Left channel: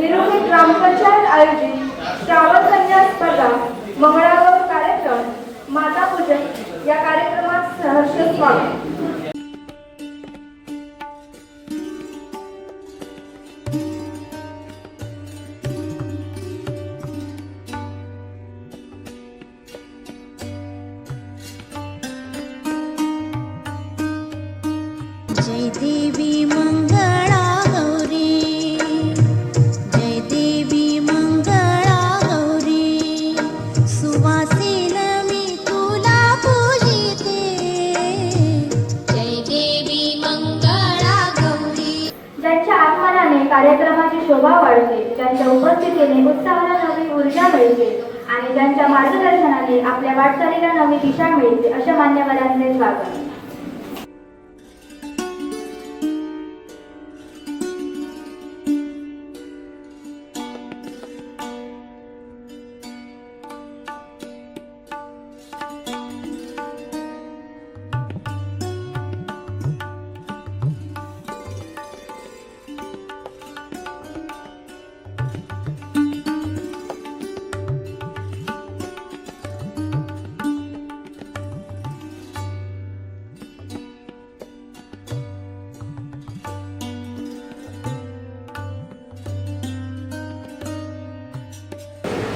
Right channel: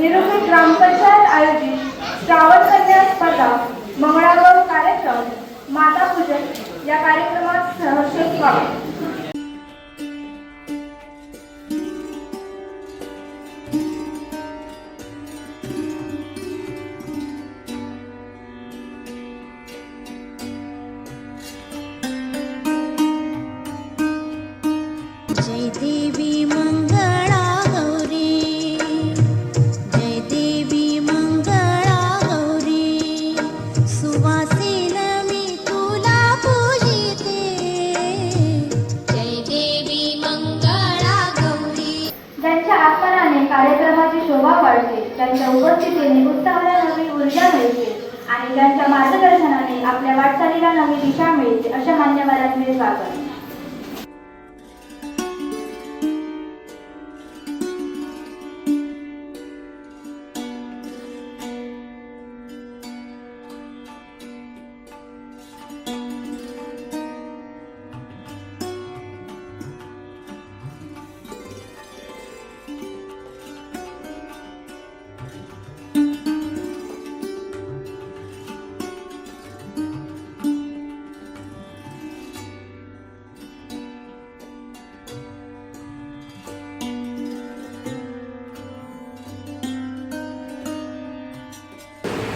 निरूपित ग्रामपंचायत आयोजित श्रावण कन्या स्पर्धा, मंगळागौर कार्यक्रम, माता पूजन या कार्यक्रमात सहर्ष स्वागत. जय देवी मंगळा गौरी, जय देवी मंगळा गौरी, सुवासिन मी तुला पूजिते. जय देवी मंगळा गौरी. ज्यांच्या आगमनाने कार्यक्रमाची शोभा वाढते, ज्यांच्या उपस्थितीने उत्सवाला नवी ऊर्जा मिळते आणि ज्यांच्या मार्गदर्शनाने आपल्या वाटचालीला नवी दिशा मिळते, अशा मान्यवरांचे स्वागत.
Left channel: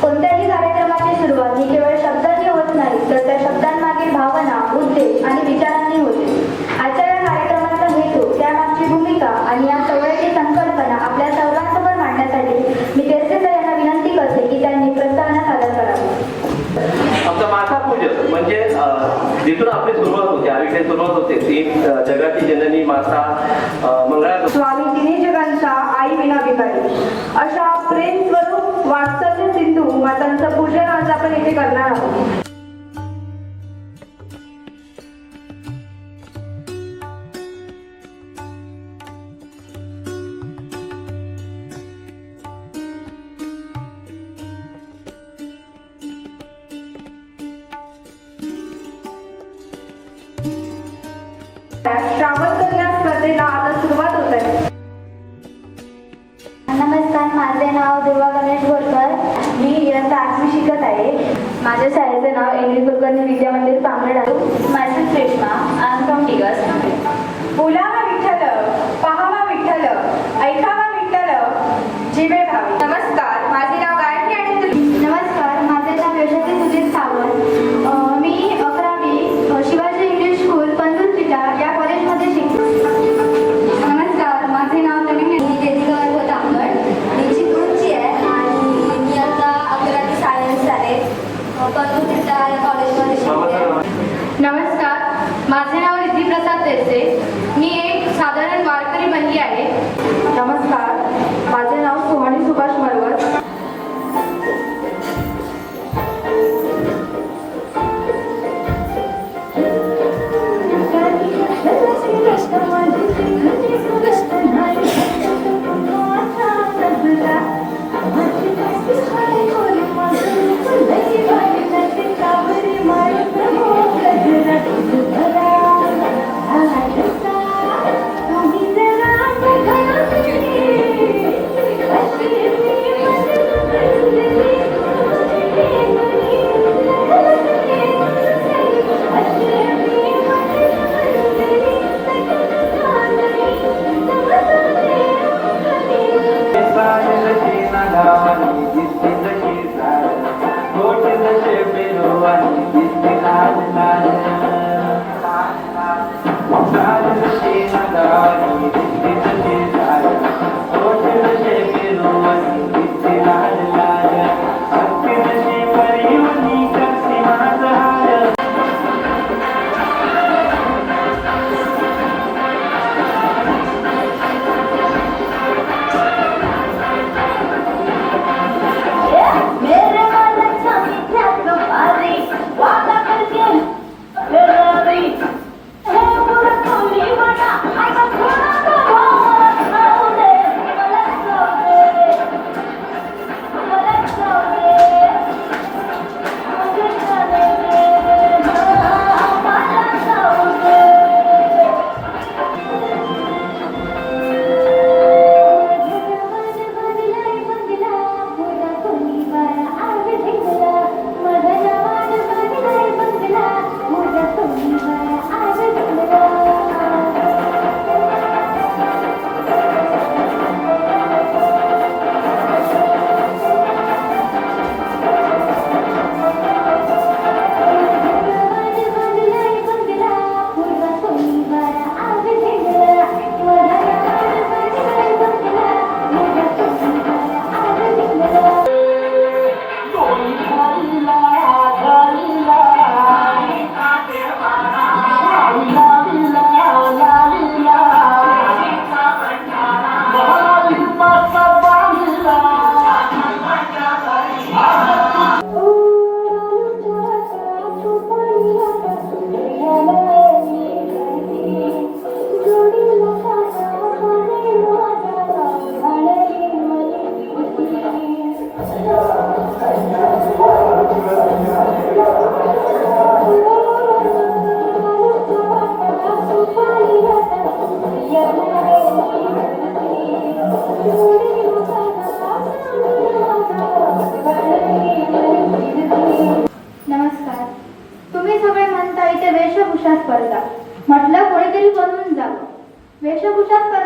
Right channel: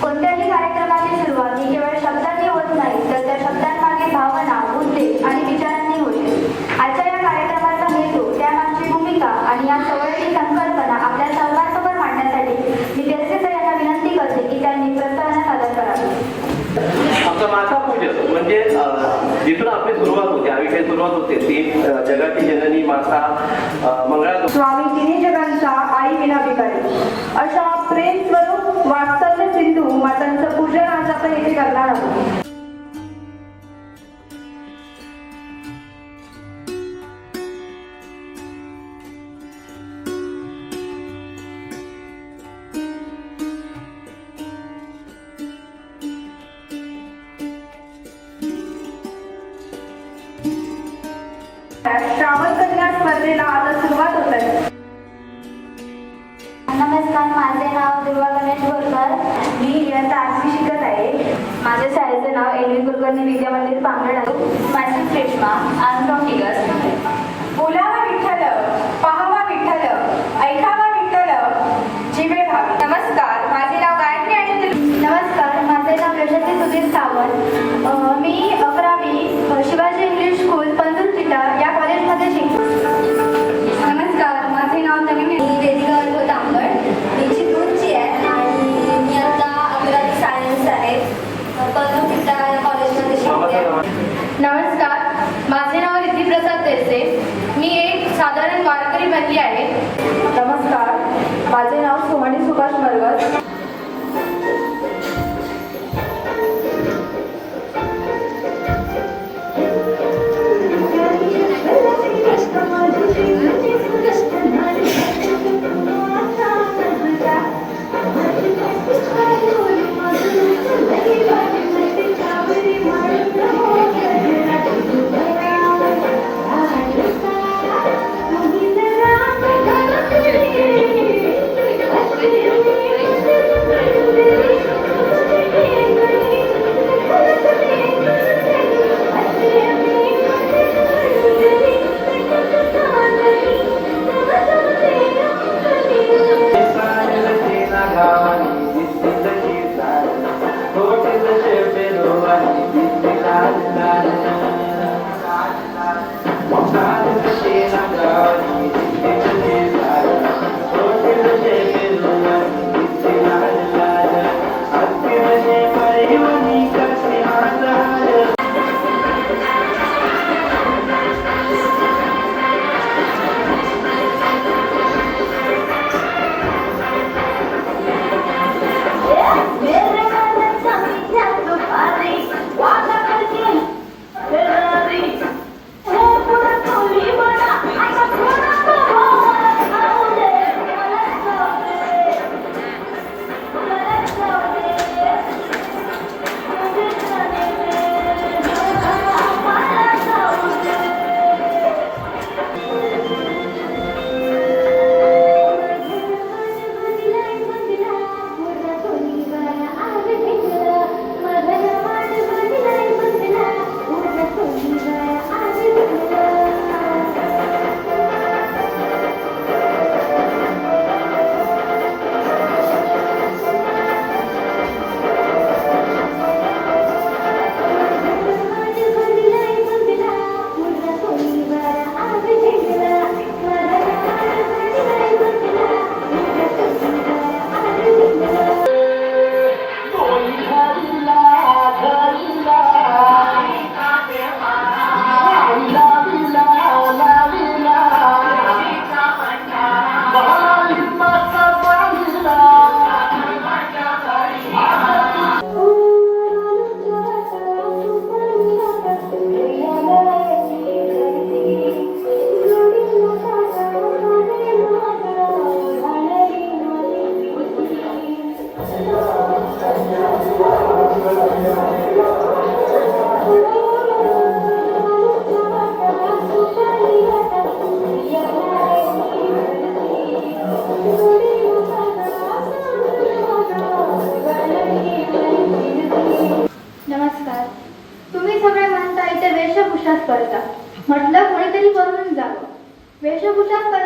कोणत्याही कार्यक्रमाची सुरुवात ही केवळ शब्दांनी होत नाही, तर त्या शब्दांमागील भावना, उद्देश आणि विचारांनी होते. आजच्या या कार्यक्रमाचा हेतू, त्यामागची भूमिका आणि या सोहळ्याची संकल्पना आपल्या सर्वांसमोर मांडण्यासाठी मी जयश्री यांना विनंती करते की त्यांनी प्रस्तावना सादर करावी. आमचा माता पूजन म्हणजे जिथून आपली सुरुवात होते, आयुष्याची सुरुवात होते ती जगाची जननी माता मंगळा स्वामी तिन्ही जगांचा आई विना भिकारी, अशा प्रेम स्वरूप वात्सल्य सिंधू मातांचं पूजन आज आपण येथे करणार आहोत. श्रावण कन्या स्पर्धेला आता सुरुवात होत आहे. नमस्कार, माझे नाव दुर्वा गणेश बोरकर. मी इयत्ता 8वी शिकत आहे. माझ्या शाळेचे नाव एन डी कुलकर्णी विद्या मंदिर पांगड आहे. माझी रेश्मा, आय एम फ्रॉम टिगर्स. बोलावा विठ्ठल, पाहावा विठ्ठल, ऐकावा विठ्ठल, जीवे भावी. नमस्कार, माझे नाव गायत्री आणि नमस्कार, माझे नाव यशस्वी सुधीर सावंत. मी 11वी शिवाजी इंग्लिश स्कूल तंदूर चिटा या कॉलेजमध्ये शिकतो. नमस्कार, माझे नाव नवीन मी वेदिका अर्व तांबड. मी चिपळूणची आहे आणि मी आता 11वी सायन्स आहे. तंदूर चिटा या कॉलेजमध्ये शिकते. नमस्कार, माझे नाव रिद्धी प्रसाद देसे.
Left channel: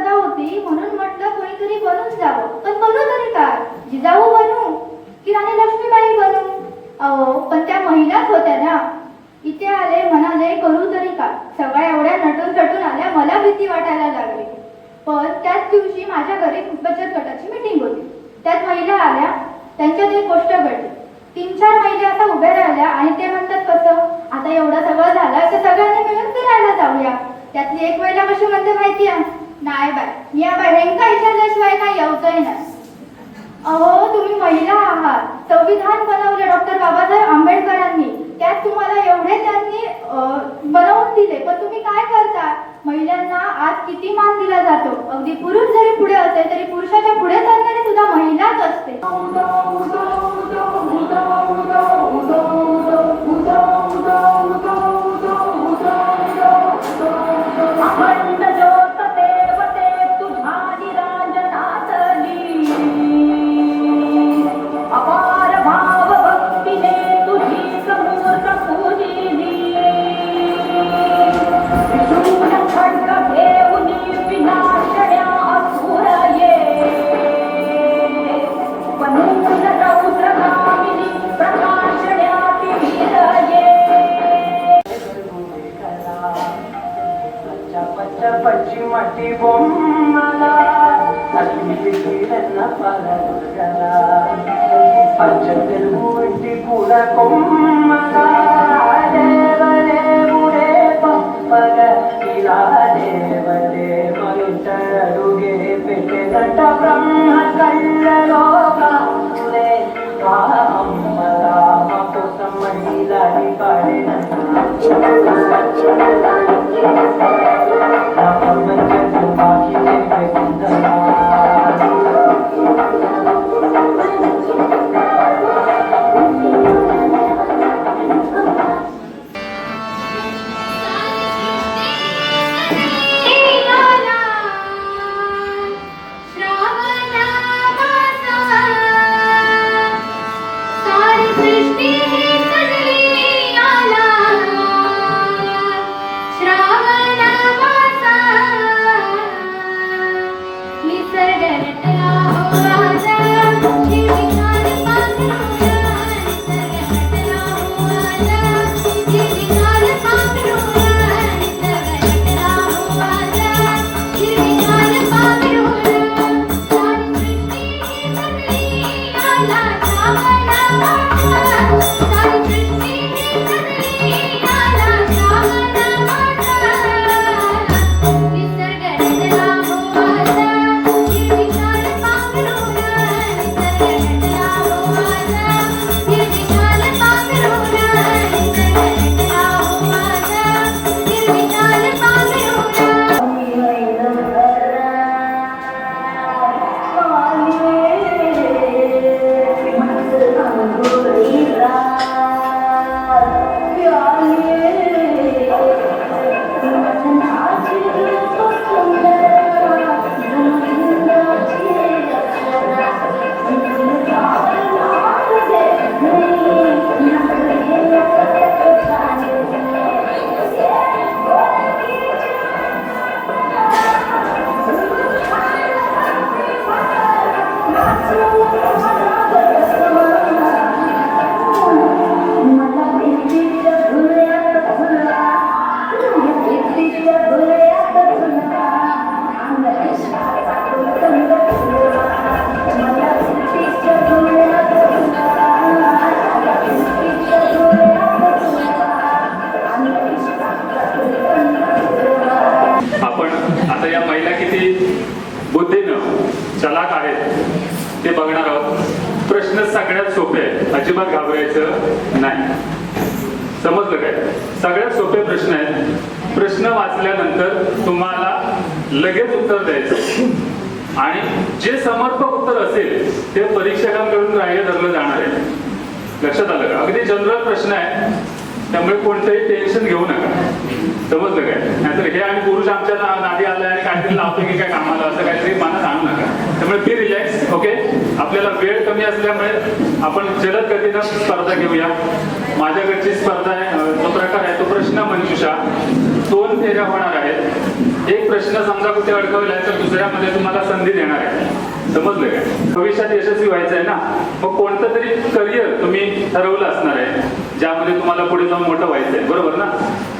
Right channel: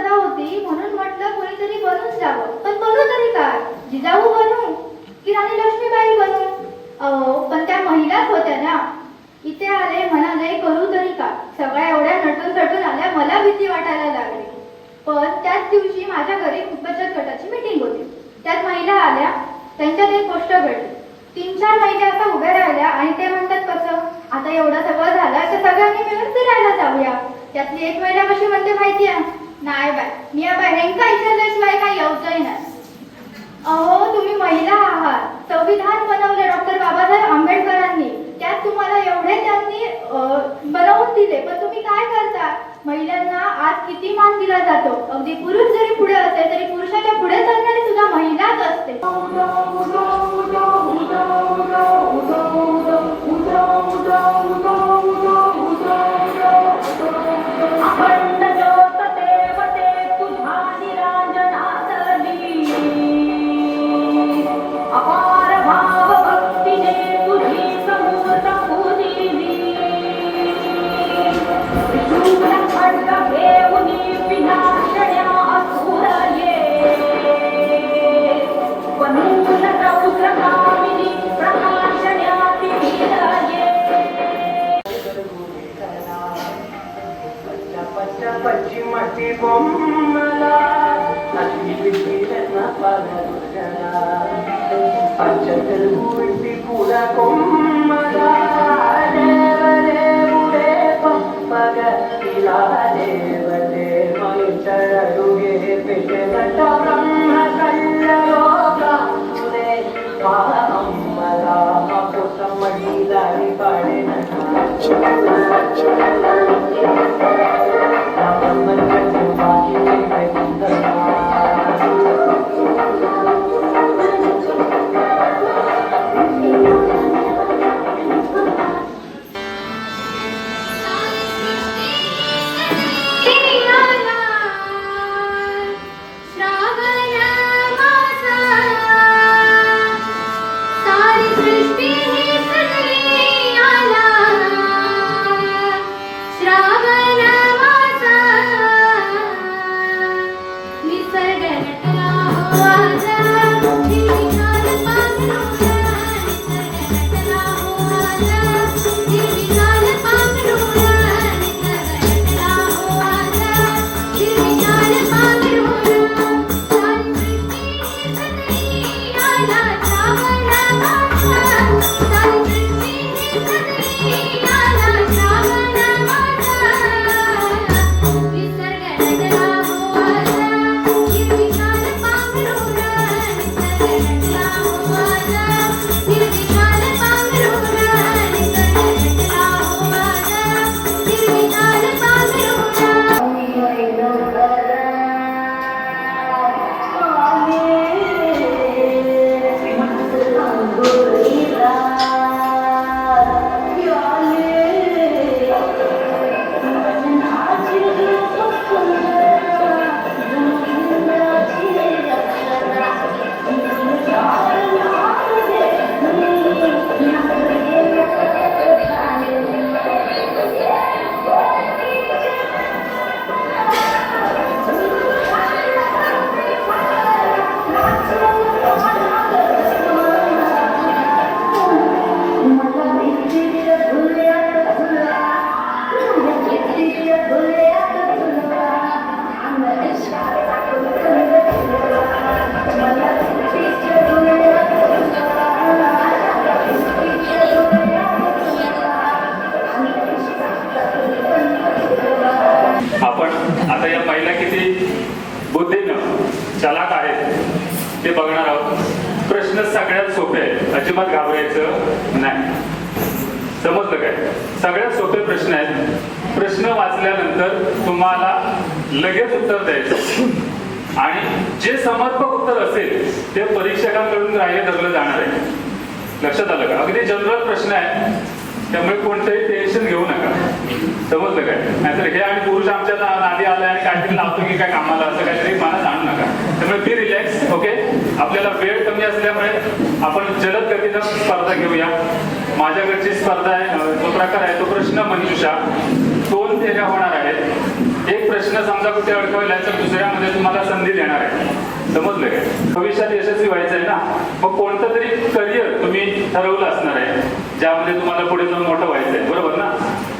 स्पर्धा होती म्हणून म्हटलं कोणीतरी बनून जावं. पण बनू तरी काय? जिजाऊ बनू की राणी लक्ष्मीबाई बनू? अहो पण त्या महिलाच होत्या ना. इथे आले म्हणाले करू तरी का? सगळ्या एवढ्या नटून थटून आल्या, मला भीती वाटायला लागली. पण त्याच दिवशी माझ्या घरी बचत गटाची मीटिंग होती. त्यात महिला आल्या, त्यांच्यात एक गोष्ट घडली. 3-4 महिला असा उभ्या राहिल्या आणि ते म्हणतात कसं, आता एवढं सगळं झालं तर सगळ्यांनी मिळून फिरायला जाऊया. त्यातली एक महिला कशी म्हणते माहितीये? नाही बाय, मी या बहिणींका विचारल्याशिवाय काही यावचंही नाही. अहो तुम्ही महिला आहात, संविधान बनवले डॉक्टर बाबासाहेब आंबेडकरांनी, त्यात तुम्हाला एवढे त्यांनी बनवून दिले, पण तुम्ही काय करता? महिलांना आज किती मान दिला जातो. अगदी पुरुष जरी पुढे असेल तरी पुरुषाच्या पुढे चालणारी सुद्धा महिलाच असते. पश्चिमाची बोम्माला अशी पिढीला पाला पंचतील मुठी पुरा कोम्माला देव रे पप्पग इला देव देव मनुष्य पेटे गट ब्रह्म कल्लोका रे अंबरा मपुत महिला पाडे ते बघणार आहोत. प्रश्न सगळ्यात सोपे आहे, अजिबात घाबरायचं नाही. समजलं काय? सगळ्यात सोपे प्रश्न आहेत. प्रश्न वाचल्यानंतर तुम्हाला लगेच उत्तर द्यायचं आणि जे समर्पक उत्तर असेल ते परीक्षकांकडून ग्राह्य धरलं जाणार आहे. लक्षात आलं का? अगदी जनरल प्रश्न आहे, त्यामुळे कोणतंही टेन्शन घेऊ नका. समजलं काय? नाहीतर हे आणि पुरुष आमच्या नादी आले आणि काहीतरी लावतो की काय कामाला, असं काहीतरी मनात आणू नका. त्यामुळे बी रिलॅक्स. ओके, आपल्याला वेळ कमी असल्यामुळे आपण जलद गतीनं स्पर्धा घेऊया. माझ्याकडची स्पर्धा आहे, जो प्रकार आहे तो प्रश्न मंजुषा. 2 फेऱ्या होणार आहेत. एक प्रश्न समजा कुठे अडकवला तर दुसऱ्यामध्ये तुम्हाला संधी देणार आहे. समजलं काय? भविष्यात यशस्वी व्हायचं आहे ना, मग कोणतं तरी करिअर तुम्ही ठरवलं असणार आहे ज्यामध्ये तुम्हाला पुढे जाऊन मोठं व्हायचं आहे, बरोबर ना?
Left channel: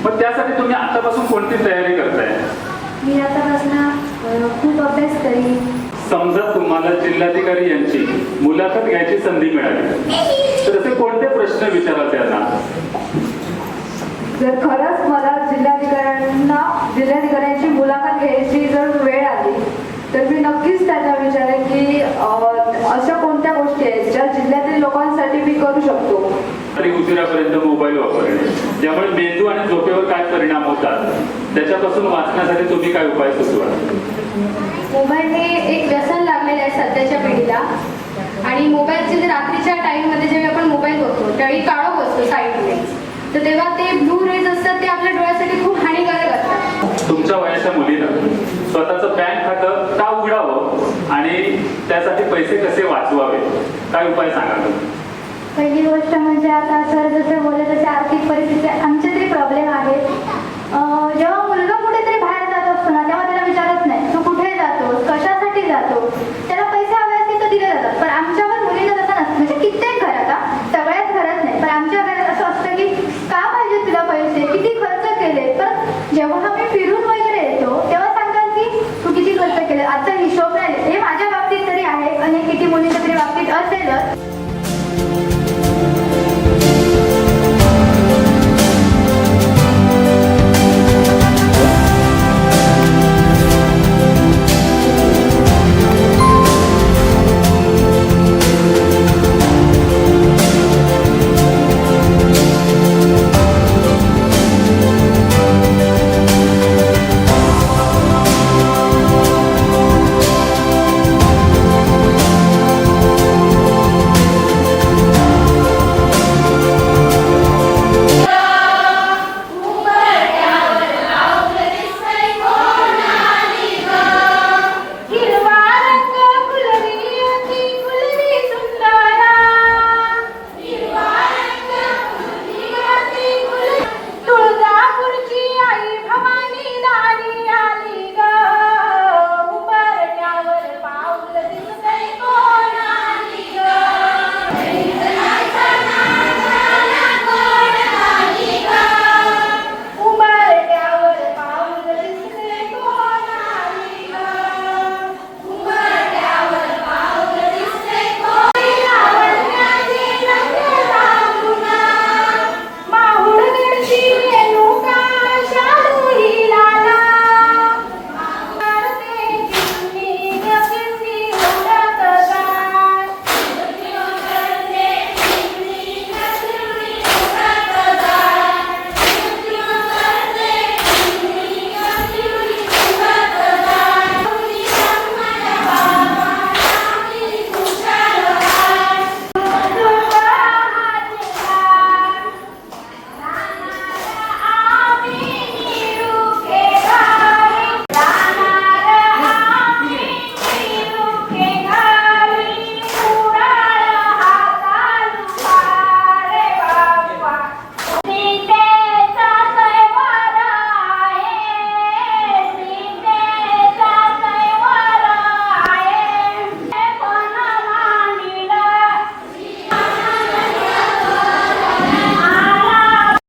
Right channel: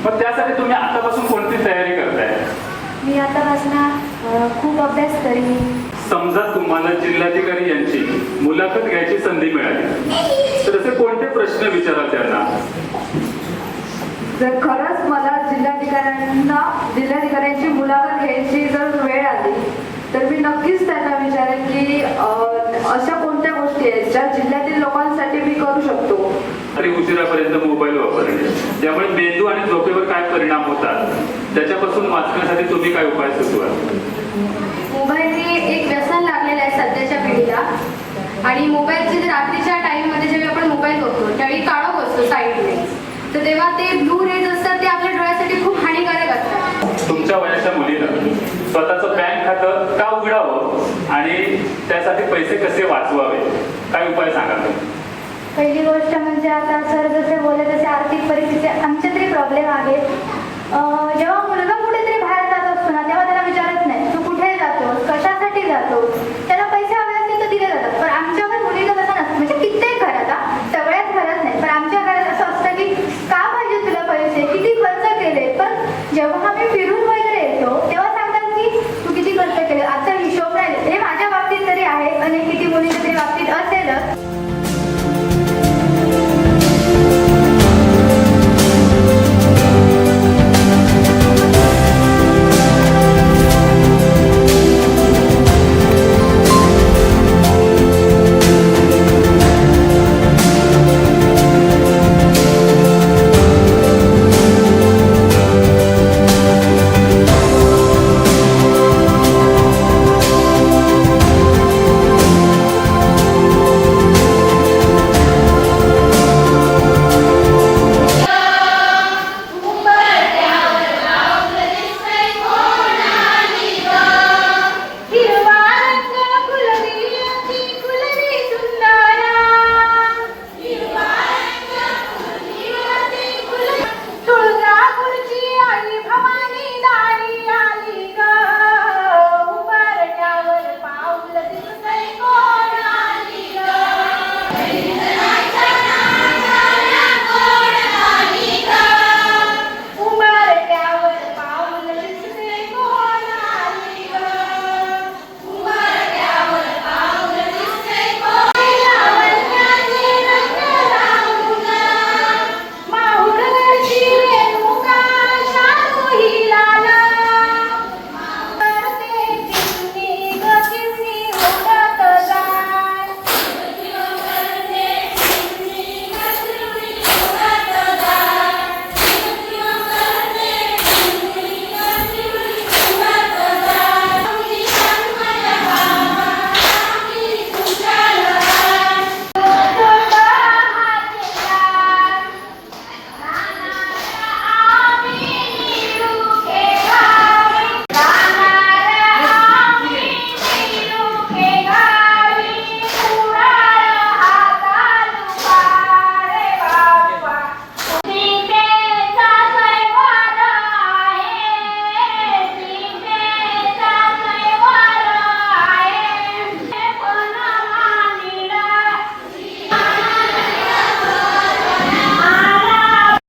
मग त्यासाठी तुम्ही आतापासून कोणती तयारी करताय? मी आतापासून खूप अभ्यास करेन. समजा तुम्हाला जिल्हाधिकारी यांची मुलाखत घ्यायची संधी मिळाली तर असे कोणते प्रश्न विचाराल त्यांना? जर खरंच मला जिल्हाधिकाऱ्यांची मुलाखत घ्यायची जर वेळ आली तर मी नक्कीच त्यांना विचारेन की अशा कोणत्या गोष्टी आहेत ज्या जिल्ह्यातील लोकांसाठी मी करू शकतो. तरी उशिरापर्यंत मोबाईल वापरणे ज्यामुळे मेंदू आणि झोपेवर काय परिणाम होतात त्याच्यापासून वाचण्यासाठी तुम्ही काय उपाय सुचवाल? मोबाईल हे एक व्यसन लागलेलं आहे सध्याच्या पिढीला आणि मोबाईलचे रात्रीच्या टाईममध्ये जेव्हा आपण मोबाईल बघतो त्यावेळी काळोख असतो साईडने, तर तेव्हा ते ब्लू रेज असतात ते आपल्या डोळ्यासाठी खूप हानिकारक असतात. तुमच्या वयाच्या मुलीनं स्वतःचं बँक खातं का उघडावं आणि त्यासाठी पैसे कसे वाचवावे, काय उपाय सांगाल तुम्ही? पहिली गोष्ट म्हणजे आता सर जसे बोलले तसे आर्थिक परिस्थिती आमचे तरी प्रॉब्लेम आहे.